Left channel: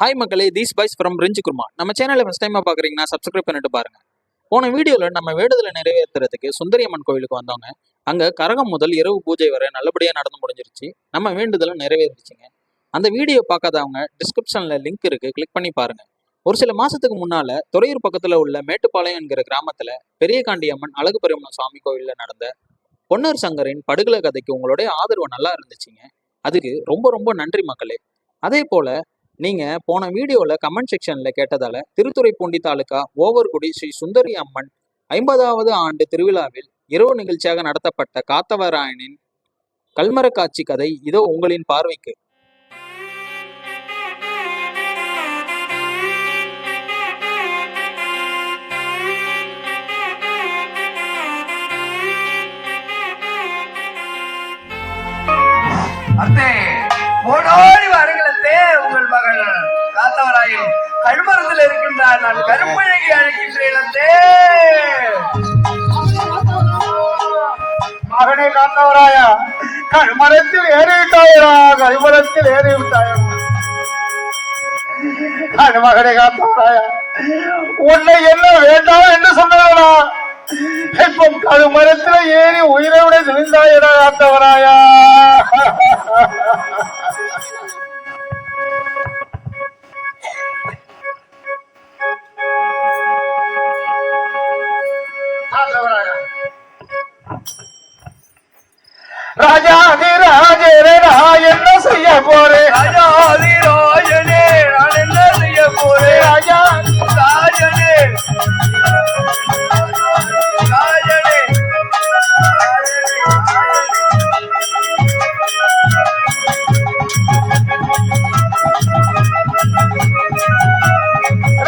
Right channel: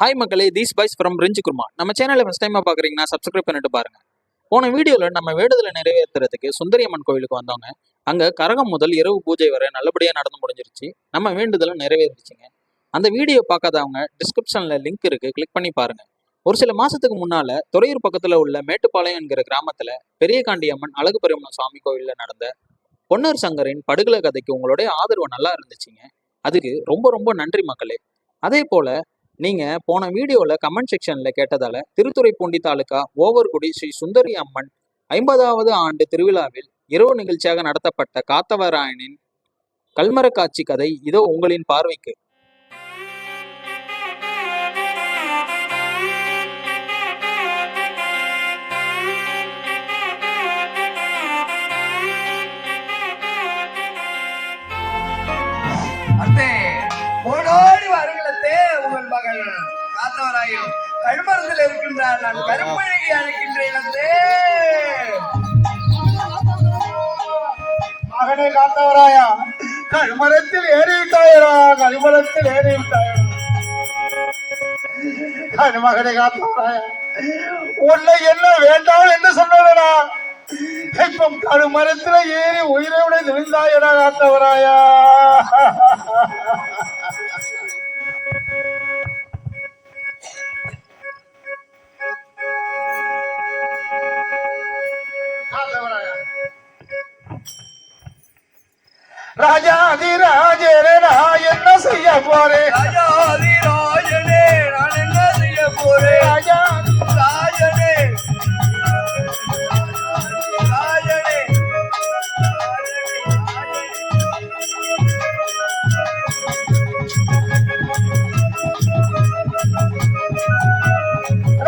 Hi மக்களே, these boys from ரிஞ்சு kurma. நம்ம சேனலை ஃபஸ்ட் டைமாக பார்க்குறீங்கன்னா சப்ஸ்கிரைப் பண்ணிட்டு பாருங்க. போன வீடியோவில் நம்ம வேண்டுதலை நிறைவேற்றுறதுக்கு சுந்தரியம்மன் கோவிலுக்கு வந்தவங்க அங்கே கரகம் முதல் இரவு பூஜை வரை நல்லபடியாக நடந்து முடிஞ்சிருச்சு. நம்ம வேண்டுதலும் நிறைவேறிச்சுங்க. அந்த வீடியோ பார்க்காதவங்க டிஸ்கிரிப்ஷனில் லிங்க் இருக்குது, கிளிக் பண்ணி பாருங்கள். ஒரு சில மாதத்துக்கு முன்னால் துறையூர் பக்கத்தில் உள்ள மேட்டுப்பாளையம் என்கிற கிராமத்தில் பெரியகாண்டி அம்மன் அழகு பெருமன் சுவாமி கோவிலில் நடந்த பொன்னர் சங்கரின் படுகலை கதைக்கு உங்களுடைய ஆதரவு நல்லா இருந்துச்சுங்க. அதுக்கு ரொம்ப ரொம்ப நன்றி மக்களே. அதே போல் நீங்கள் போன வீடியோவில் கமெண்ட் செக்ஷனில் கேட்டதால் திருத்துறைப்பூண்டி தாலுகா ஓவர்குடி ஸ்ரீ சுந்தரி அம்மன் 50வது ஆண்டு திருவிழாவில் இரவு நிகழ்ச்சியாக நடத்தப்பட்ட காத்தவராயனின் கல்மர காட்சி கதை இதோ உங்களின் பார்வைக்கு. உங்கள் மகன் காத்தவராயன் கழுமரத்தில் இருக்கின்றார். நான் கருப்பழகி அழைக்கின்றேன். மகனே காத்தவராயா, கழுமரத்தில் ஏறிவிட்டாயரா, கழுமரத்தில் ஏறிவிட்டாயா. மகனே காத்தவராயா, உன்னை என்ன வேண்டாம் என்று சொன்னவரா, இப்போ கழுமரத்தில் ஏறி உயிரை விட விழுந்தாயடா காத்தவராயா. ராஜாதி ராஜனே நான் என்ன செய்ய போறேன்? ராஜாதி ராஜனே நான் என்ன செய்ய போறேன்? ராஜாதி ராஜனே ராஜனே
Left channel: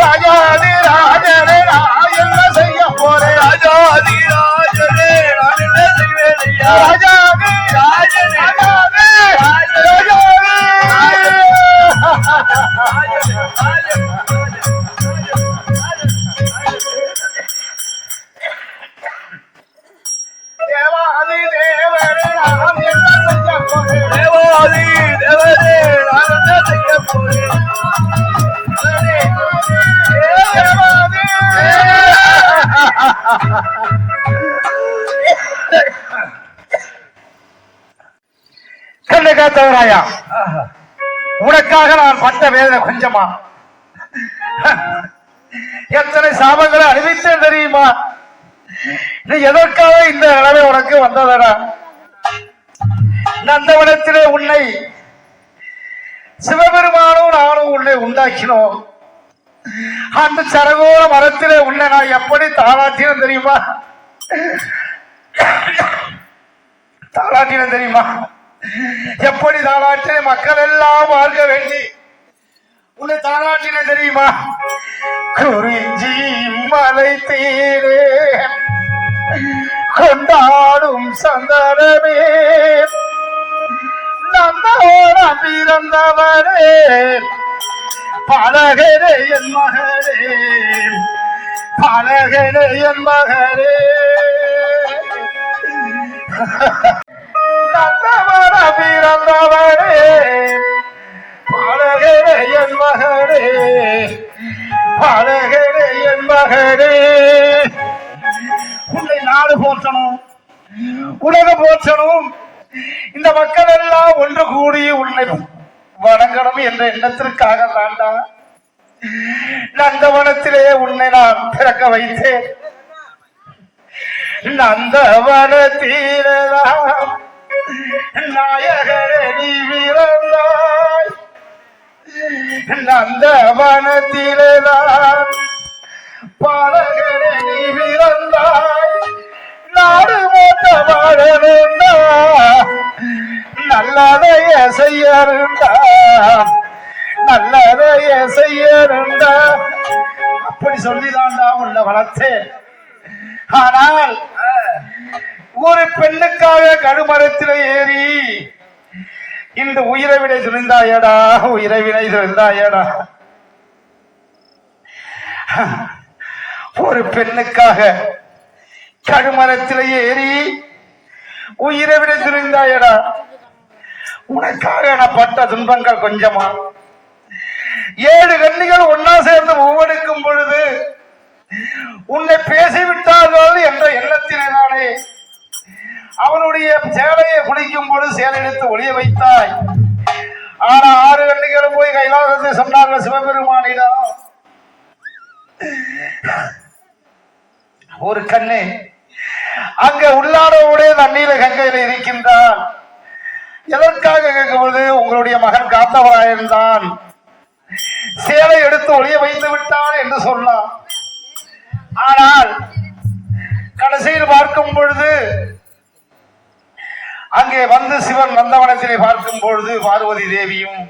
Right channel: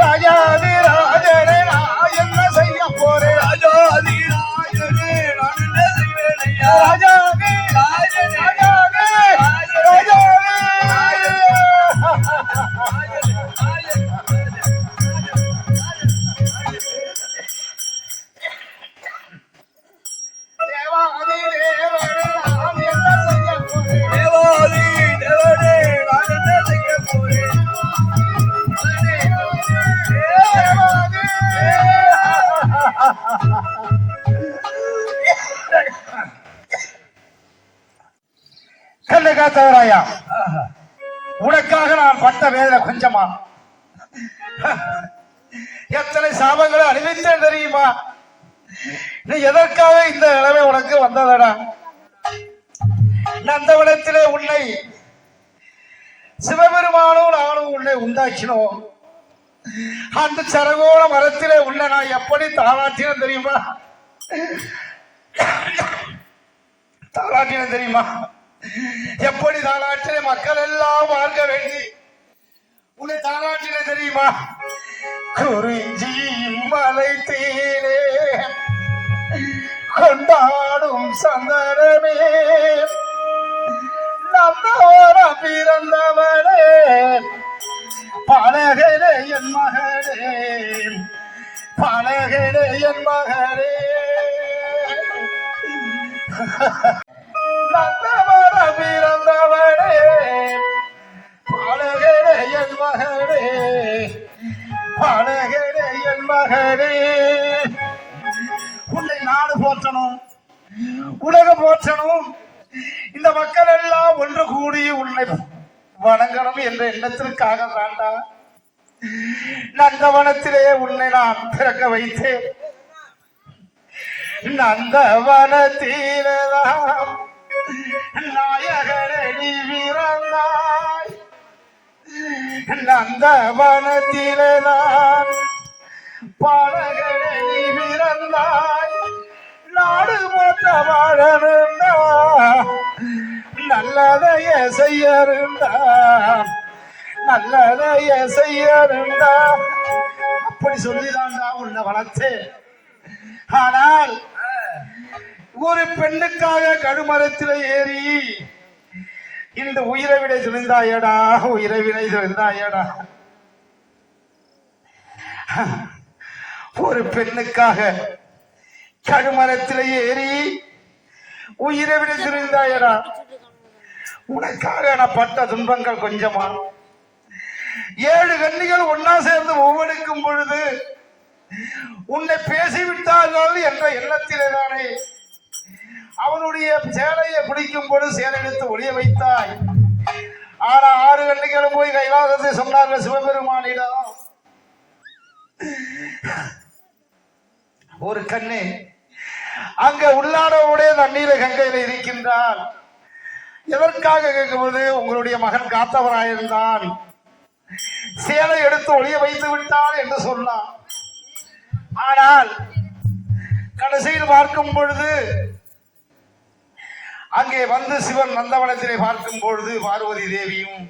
ராஜாதி ராஜனே நான் என்ன செய்ய போறேன்? ராஜாதி ராஜனே நான் என்ன செய்வேன் ஐயா? ராஜாதி ராஜனே தேவாதி தேவரே நான் என்ன செய்ய போறேன்? தேவாதி தேவரே நான் என்ன செய்ய போறேன்? தேவாதி கண்ணு காத்தவராயா, உனக்காக நான் பட்ட வேதனை கொஞ்சமா? எத்தனை சாபங்களை அனுபவித்தேன் தெரியுமா? நீ எதற்காக இந்த நிலைமை உனக்கு வந்ததடா? நந்தவனத்திலே உன்னை சிவபெருமானும் நானும் உன்னை உண்டாக்கினோம். அந்த சரகோல மரத்திலே உன்னை நான் எப்படி தாளாட்டினேன் தெரியுமா? தாளாட்டினேன் தெரியுமா? எப்படி தாளாட்டின மக்கள் எல்லாம் பார்க்க வேண்டி உன்னை தாளாட்டின தெரியுமா? குறிஞ்சி மலை தீரே கொண்டாடும் சந்தனமே, நந்தவனம் பிறந்தவரே, பழகரே என் மகரே, பழகரே என் மகரே. நந்தவனம் பிறந்தவரே, பழகரே என் மகரே, பழகரே என் மகரே. உன்னை நாடு போற்றணும், உலகம் போற்றணும், இந்த மக்கள் எல்லாம் ஒன்று கூடி உன்னை வணங்கணும் என்ற எண்ணத்திற்காக தாண்டா நந்தவனத்திலே உன்னை நான் பிறக்க வைத்தேன். நந்தவனத்திலாம் நாயகரே நீ பிறந்தாய், நந்தவனத்திலாம் பாலகரே நீ பிறந்தாய். நாடு போட்ட வாழணுண்டா, நல்லதைய செய்யணுண்டா, நல்லதைய செய்யணுண்டா. அப்படி சொல்லிதான்டா உள்ள வளர்த்தேன். ஆனால் ஒரு பெண்ணுக்காக கருமரத்தில் ஏறி இந்த உயிரை விட துணிந்தாயடா, உயிரை விட துணிந்தாயடா. ஒரு பெண்ணுக்காக கருமரத்தில் ஏறி உயிரை விட துணிந்தாயடா. உனக்காக நான் பட்ட துன்பங்கள் கொஞ்சமா? 7 உன்னை பேசிவிட்டார்கள் என்ற எண்ணத்திலே தானே அவனுடைய சேலையை குடிக்கும் பொழுது சேலை எடுத்து ஒளிய வைத்தாய். ஆனா 6 கண்ணிகளும் போய் கைலாசத்தை சொன்னார்கள் சிவபெருமானிடம். ஒரு கண்ணே அங்க உள்ளாடவுடைய தண்ணீர கங்கையில இருக்கின்றான். எதற்காக கேட்கும்போது உங்களுடைய மகன் காத்தவராயிருந்தான், சேலை எடுத்து ஒளிய வைத்து விட்டான் என்று சொன்னான். ஆனால் கடைசியில் பார்க்கும் பொழுது அங்கே வந்து சிவன் நந்தவனத்திலே பார்க்கும் பொழுது பார்வதி தேவியும்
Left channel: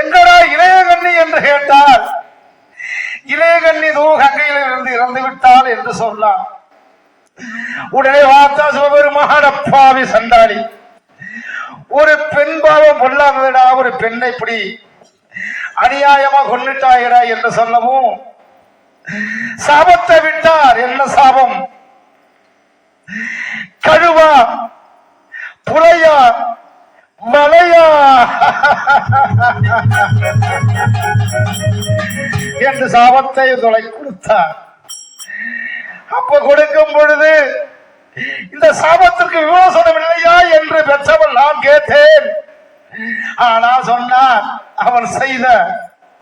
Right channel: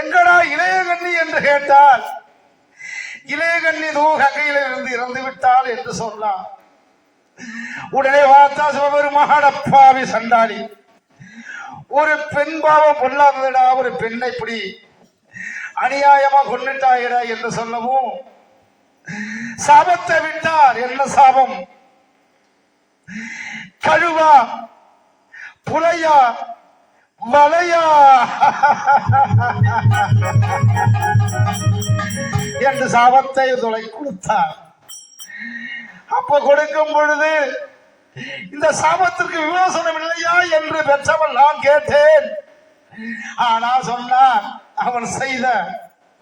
எங்கடா இளையகண்ணி என்று கேட்டால், இளையகண்ணி தூ கங்கையில இருந்து இறந்து விட்டாள் என்று சொன்னார். உடனே பார்த்தா சிவபெருமான பாவி சண்டாளி, ஒரு பெண் பாவம் பொல்லாதடா, ஒரு பெண்ணை இப்படி அநியாயமா கொண்டுட்டாயடா என்று சொல்லவும் சாபத்தை விட்டார். என்ன சாபம்? கழுவா புலையா மலையா என்று சாபத்தை தொலை கொடுத்தார். அப்ப கொடுக்கும் பொழுது இந்த சாபத்திற்கு விமோசனம் இல்லையா என்று பெற்றவன் நான் கேட்டேன். ஆனா சொன்னான், அவன் செய்த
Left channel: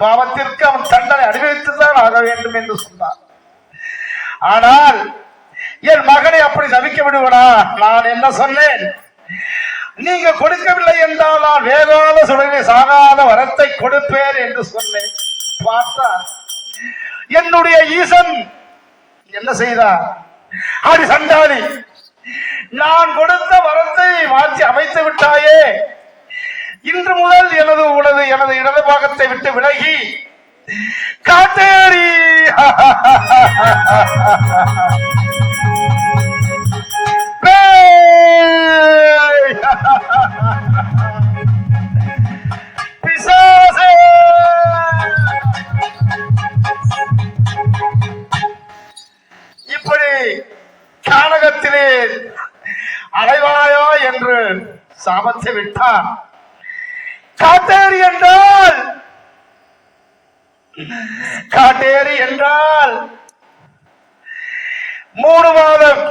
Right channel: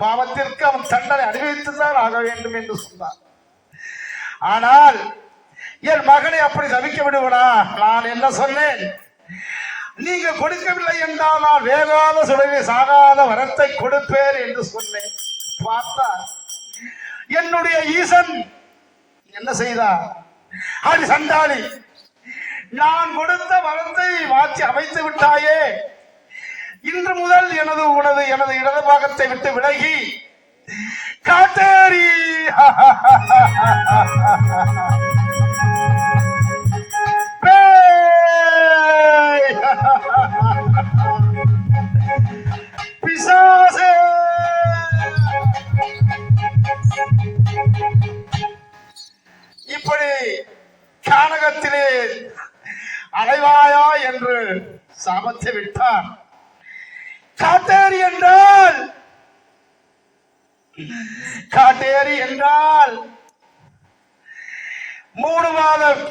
பாவத்திற்கு அவன் தண்டனை அனுபவித்துதான் ஆக வேண்டும் என்று சொன்னான். ஆனால் என் மகனை அப்படி தவிக்க விடுவனா? நான் என்ன சொன்னேன்? நீங்க கொடுக்கவில்லை என்றால் நான் வேகாத சுடலை சாகாத வரத்தை கொடுப்பேன் என்று சொன்னேன். பார்த்தா என்னுடைய ஈசன் என்ன செய்தார்? அடி சண்டாளி, நான் கொடுத்த வரத்தை மாற்றி அமைத்து விட்டாயே, இன்று முதல் எனது இடது பாகத்தை விட்டு விலகி காட்டேரி பிசாசே இப்படி கானகத்திலே அலைவாயா என்று சாபத்தை விட்டார். காட்டேரி என்றால் 3 மாதம்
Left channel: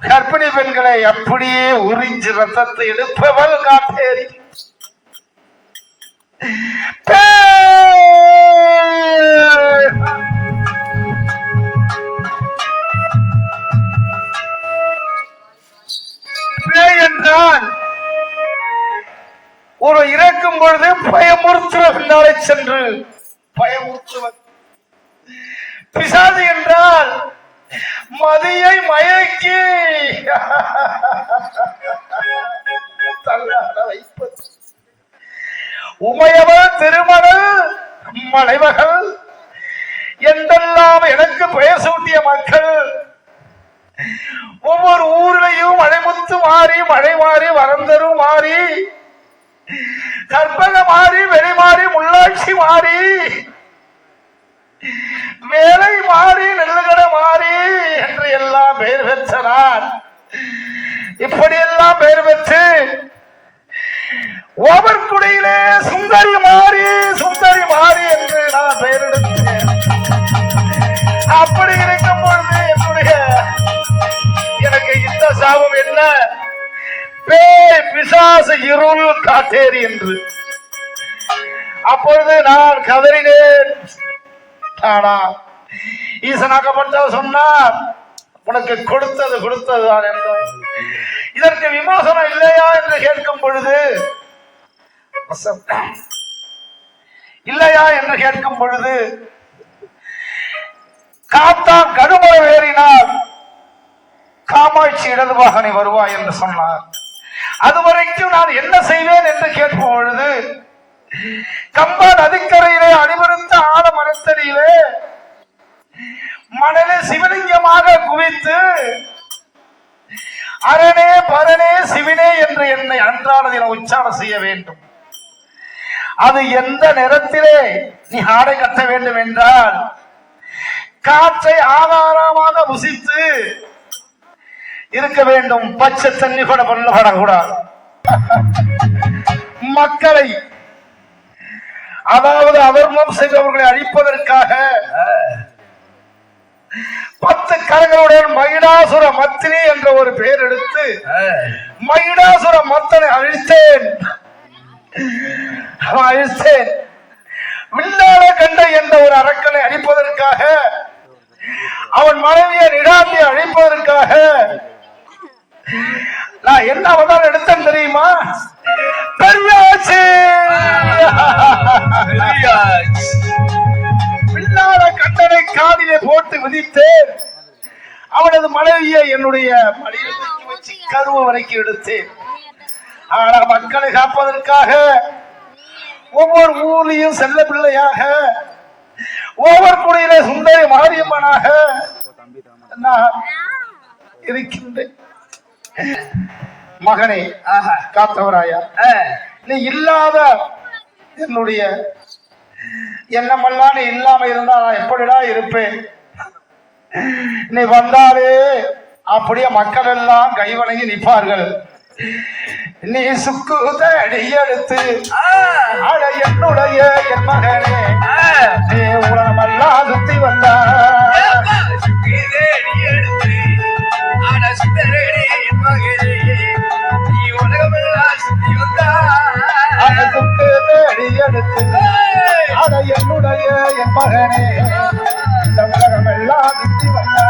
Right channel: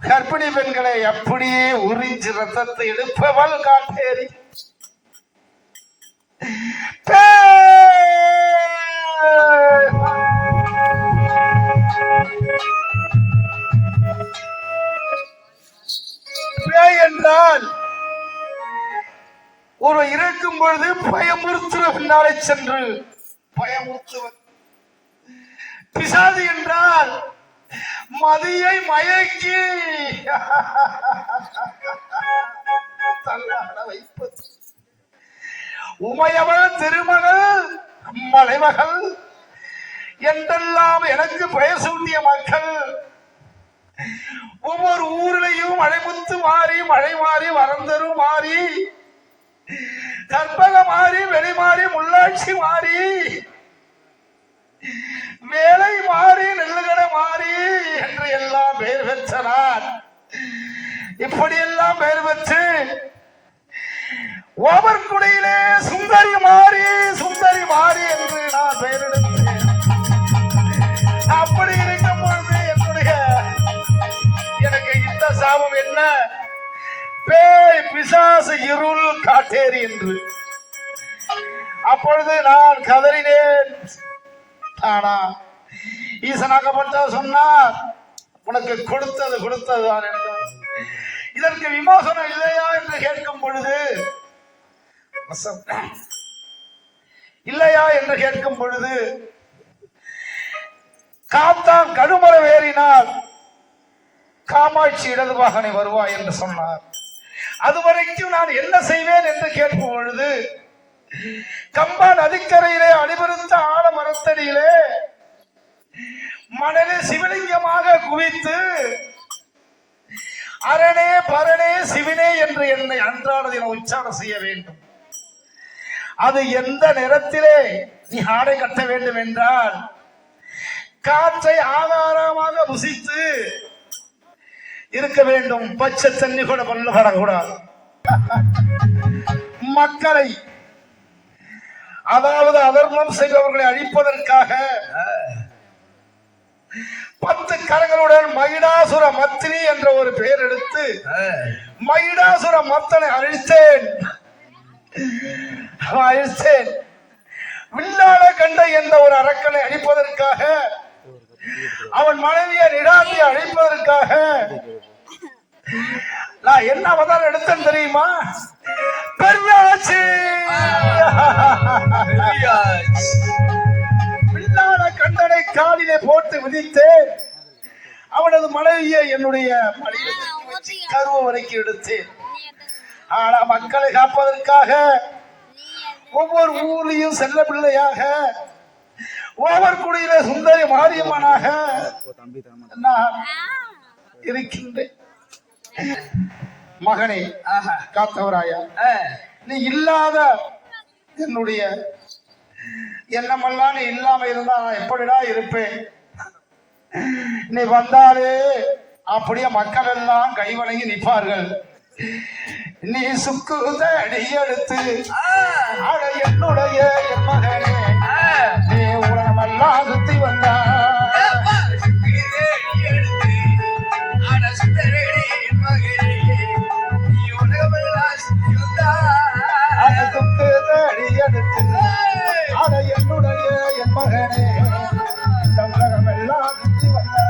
கர்ப்பிணி பெண்களை அப்படியே உறிஞ்சி ரத்தத்தை எடுப்பவள் காட்டேரி. என்றால் ஒரு இறக்கும் பொழுது பயமுறுத்துவதனாலே சென்று பயமுறுத்துவது. பிசாசு என்றால் மதியை மயக்கி தள்ளாட வைப்பது. உமையவள் திருமகள் மலைமகள் என்றெல்லாம் எனக்கு பெயர் சூட்டிய மக்கள் ஒவ்வொரு ஊரிலையும் மழைமுத்து மாறி, மழை மாறி, வரந்தரும் மாறி, கற்பக மாறி, வெளி மாறி, முள்ளாட்சி மாறி, வேலை மாறி, நெல்லுகடை மாறி என்று எல்லாம் பெயர் பெற்றனார். இப்படியெல்லாம் பெயர் பெற்று ஓவர்குடியிலே சுந்தரி மாறி, சுந்தரி மாறி என்று நான் பெயர் எடுத்தேன். அப்படி இருக்கும் பொழுது எனக்கு இந்த சாபம் என்ன? பேய் பிசாசு இருள் காட்டேரி என்று. அப்பொழுது நான் கதறினேன். ஆனா ஈசனாக்கப்பட்ட சொன்னார், உனக்கு கொடுத்ததுதான் என்றார். இதற்கு விமோசனம் இல்லையா என்று கேட்கும் பொழுது இல்லையா என்று கேட்கும் பொழுது காத்தான் கடுமரம் ஏறினார், காமாட்சி இடது வாகனை வருவாய் என்று சொன்னார். அதுவரைக்கும் நான் என்ன செய்வேன் என்று கேட்கும் பொழுது கம்பா நதிக்கரையிலே அணிவருத்த ஆழ மரத்தடியிலே மணலே சிவலிங்கமாக குவித்து அரணே பரணே சிவனே என்று என்னை அன்றாடதில் உச்சாரணம் செய்ய வேண்டும். அது எந்த நேரத்திலே நீ ஆடை கட்ட வேண்டும் என்றால் காற்றை ஆகாரமாக புசித்து இருக்க வேண்டும். பச்சை தண்ணி கூட பண்ணக்கூடாது. மக்களை அதாவது அவர்மம் செய்தவர்களை அழிப்பதற்காக 10 கரங்களுடன் மகிடாசுர மத்தினி என்ற ஒரு பெயர் எடுத்து மகிடாசுர மத்தனை அழித்தேன். வில்லாள கண்ட என்ற ஒரு அரக்கனை அழிப்பதற்காக, அவன் மனைவியை நிடாந்தியை அழிப்பதற்காக நான் என்ன அவதாரம் எடுத்தேன் தெரியுமா? பெரியாச்சி. வில்லாள கண்டனை காதிலே போட்டு விதித்தேன். அவனது மனைவியை என்னுடைய மடியில் வச்சு கருவ வரைக்கும் எடுத்தேன். ஆனா மக்களை காப்பதற்காக ஒவ்வொரு ஊர்லயும் செல்ல பிள்ளையாக, ஒவ்வொரு குடியிலே சுந்தரி மாரியம்மனாக நான் இருக்கின்றேன். மகனே காத்தவராயா, நீ இல்லாத என்னுடைய எண்ணமெல்லாம் நீ இல்லாம இருந்தா நான் எப்படிடா இருப்பேன்? நீ வந்தாலே அப்படியே மக்கள் எல்லாம் கைவணங்கி நிற்பார்கள். நீ சுக்குத அடியெடுத்து அட என்னுடைய என் மகனே, நீ உலகமெல்லாம் சுத்தி வந்தா அடியெடுத்து அட என்னுடைய என் மகனே, இந்த உலகமெல்லாம் சுத்தி வந்தா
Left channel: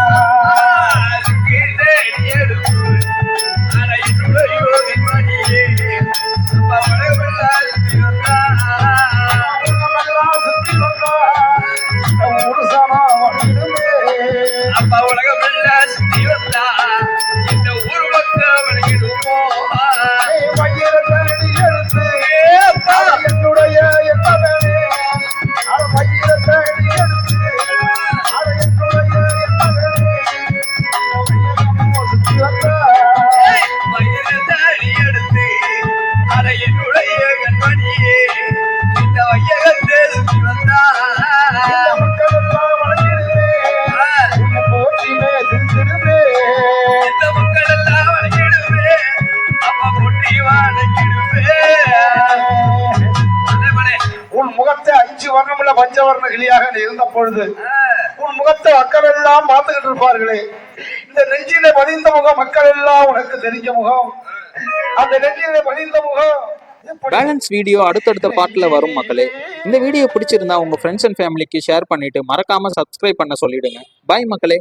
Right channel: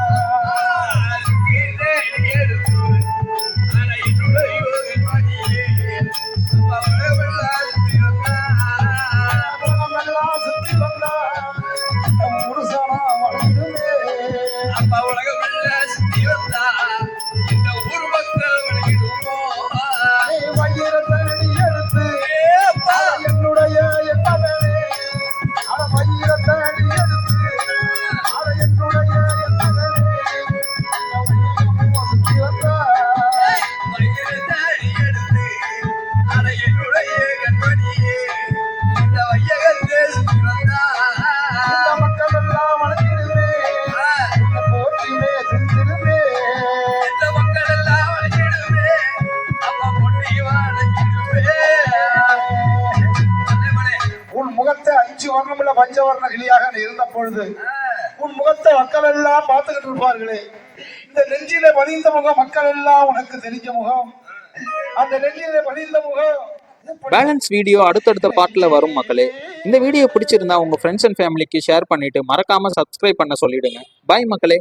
பஞ்சவர்ண கிளியாக இருந்த பொழுது உன் முகத்தை மக்கள் எல்லாம் பார்த்துக்கிட்டு இருப்பார்களே. இந்த நெஞ்சிலே பதிந்த முகம் மக்கள் எல்லாம் உனக்கு தெரிஞ்ச முகம். அந்த நெஞ்சிலே பதிந்த முகம். பேலன்ஸ் வீடியோ அடுத்தடுத்த பார்ட்ல வரும் மக்களே. இந்த வீடியோ பிடிச்சிருந்தா உங்க ஃப்ரெண்ட்ஸ் அண்ட் ஃபேமிலிக்கு ஷேர் பண்ணிட்டு மறக்காம சப்ஸ்கிரைப் பண்ண சொல்லிடுங்க. பாய் மக்களே.